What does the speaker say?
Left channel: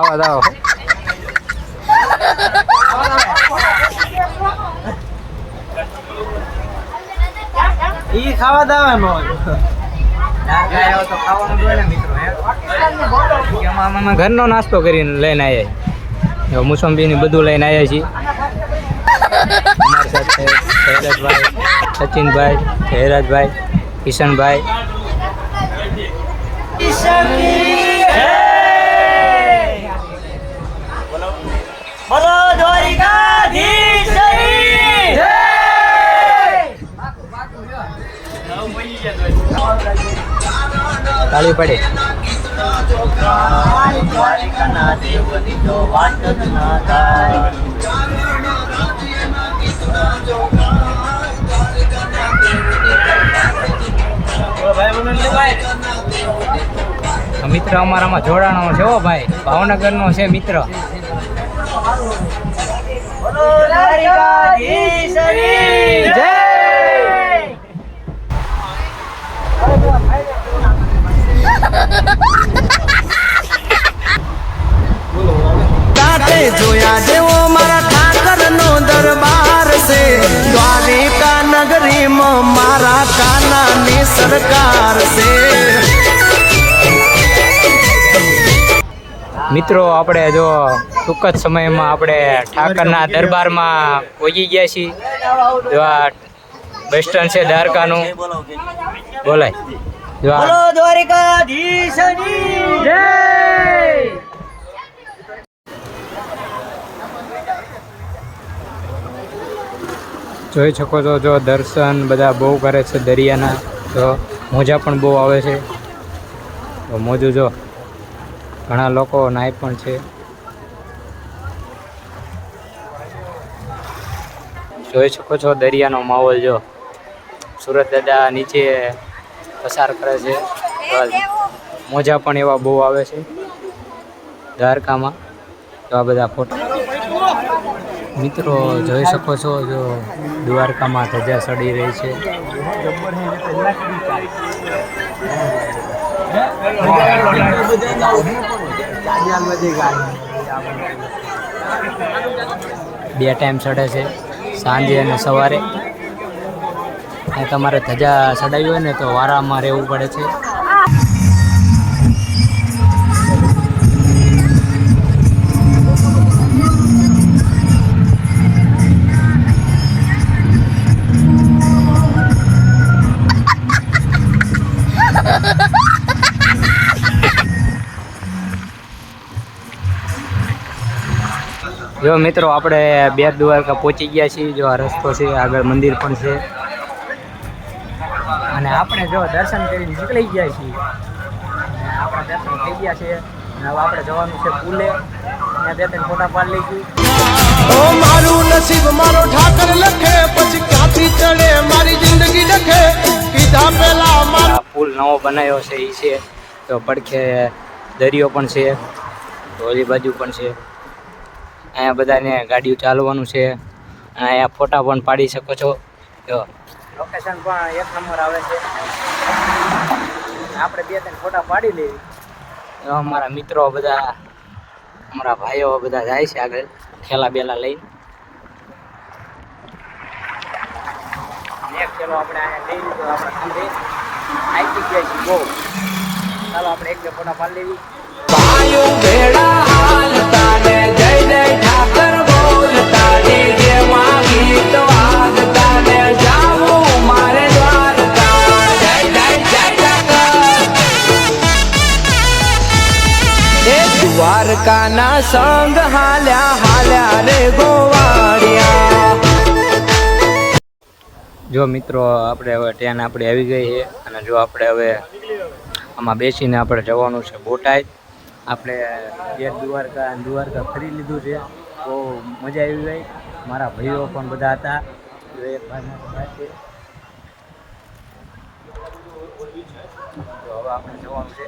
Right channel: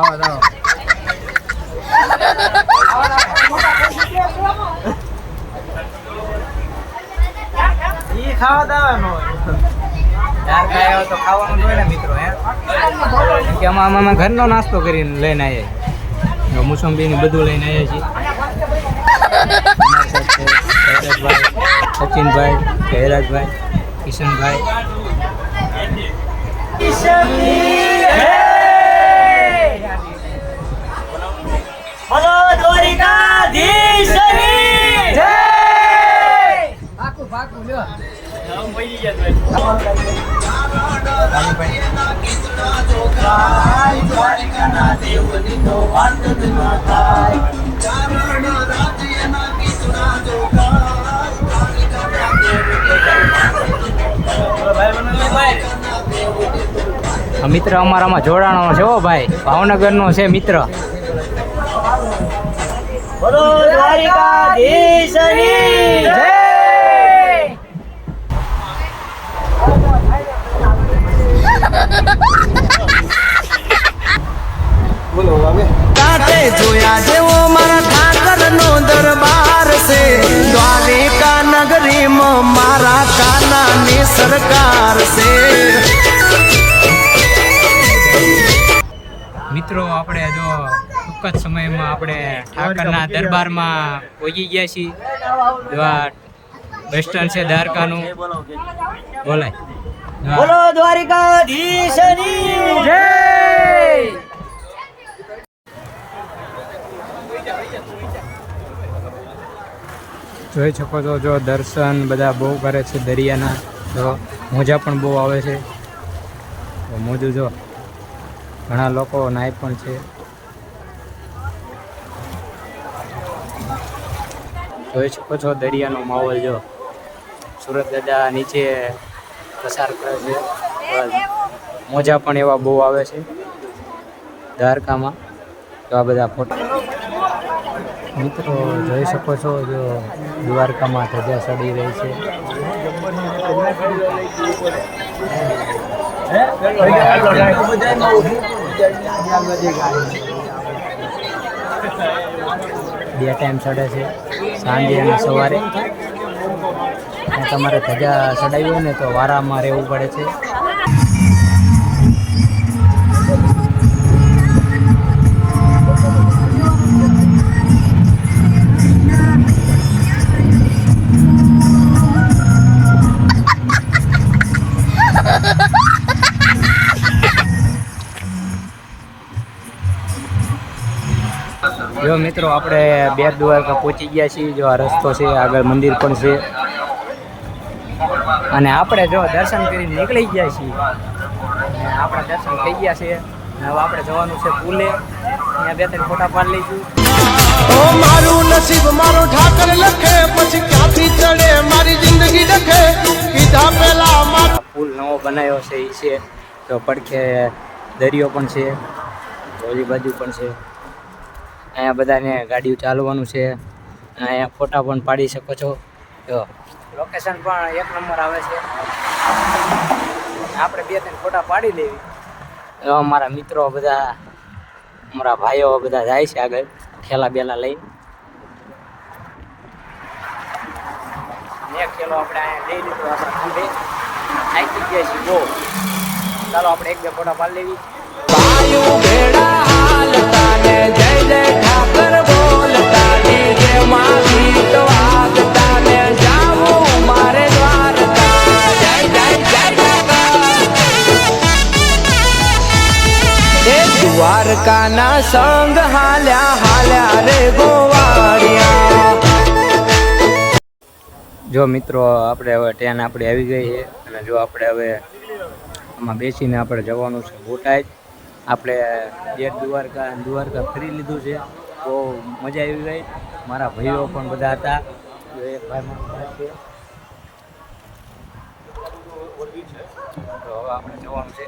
આવો આવો. ઈ ખાવા દાવાનો ચાર ખાય તો ખાવાનું જ ને મિત્રો હે? અમે ઘરનો નાસ્તો કરીને લઈને આવ્યા જો ને બધું લઈને આવ્યા છીએ. અમારી સાથે સચિનભાઈ જયરાજભાઈ કિશનભાઈ. પડે. મિત્ર અમારામાં જોડાણો છે હો ભાઈ. ભાવનગરનો છે મિત્ર. જય છે. દ્વારિકા નગરીમાં મારા કાનાની સરકાર છે. મિત્રો આપણે જો ટૂંક જ સમયમાં આપણે ઠાકરના દરબારમાં પહોંચી ગયા છીએ. જો આ બસ સ્ટેન્ડ છે દ્વારકાનું. બોલાય. જય! જોઈ શકો છો, જો દર્શન બધા બહુ કરે છે દરિયાના તો મોજા પણ બહુ આવે છે. તો મોજું જો, ઘણા લોકો નાય પણ છે. જોઈ શકો છો દરિયાનો માહોલ જો. સુરત દાદા નીચે પસાર કરે છે. મોજા પણ એવા બહુ આવે છે. દ્વારકામાં. તો આ બધા ફોટા મિત્રો, જોઈ શકો છો, જો દ્વારકામાં ધજા સડી રહી છે. બે ટાઈમ ચડે છે, સાંજે અને સવારે. તમારે ધજા ચડાવી હોય ને તો વારામાં રહેવું પડે છે. જો મિત્રો આપણે બે દ્વારકા પહોંચી ગયા છીએ. જો આ રસ્તો છે આગળ મંદિર પણ છે. અને આપણે જો દર્શન કરીને નીકળી ગયા છીએ. અને આપણા દર્શન થઈ ગયા છે. અને હવે આપણે જવાનું છે પુલે ત્યાં બે ત્રણ ફોટા પાડી લઈશું. ઓ મારું નસીબ મારો ઠાકર લખે. પછી ક્યાંથી ચડે? મારી જિંદગી લખે કીધા પેલા મારો પુલ નવો બનાવ્યો છે એ છે. તો પડખે દરિયો પણ છે. તો ઓલી બાજુ પણ છે. અહીંયા બધાને ગાડીઓ ચાલવાનું છે. અહીંયા ફોટા પણ પાડી શકો છો. જો. લોકેશન પણ એક નંબર આવે છે. આપણે બે ત્રણ ફોટા પાડી લેવી. અમારા મિત્રો બધા અમારા ભાઈઓ બધા જાય છે આગળ ઠેલા બેલા લઈને. અને એક થેલો આપણે અહીંયા લઈ લીધો આપણા ખંભે. થાકી ગયા છીએ બહુ. ચાલો આપણે એક બે ફોટા પાડી લેવી. વાયુ ભેડા હાલતા ને દ્વારકાના સંગ હાલ્યા હાલ્યા રે ગોવાળિયા. જો મિત્રો, આપણે હવે ટ્રેન આપણી આવી ગઈ છે અને જો આપણે હવે આમાં બેસીને આપણે જવાનું છે બોટાદ આપણે બેટ દ્વારકા દ્વારકા ફરી લીધું છે. બહુ મજા આવી ગઈ. મારા ભાઈઓ પણ બધા હતા. એક ભાઈ મારો ભાઈ છે. તો હવે આપણે જવાનું છે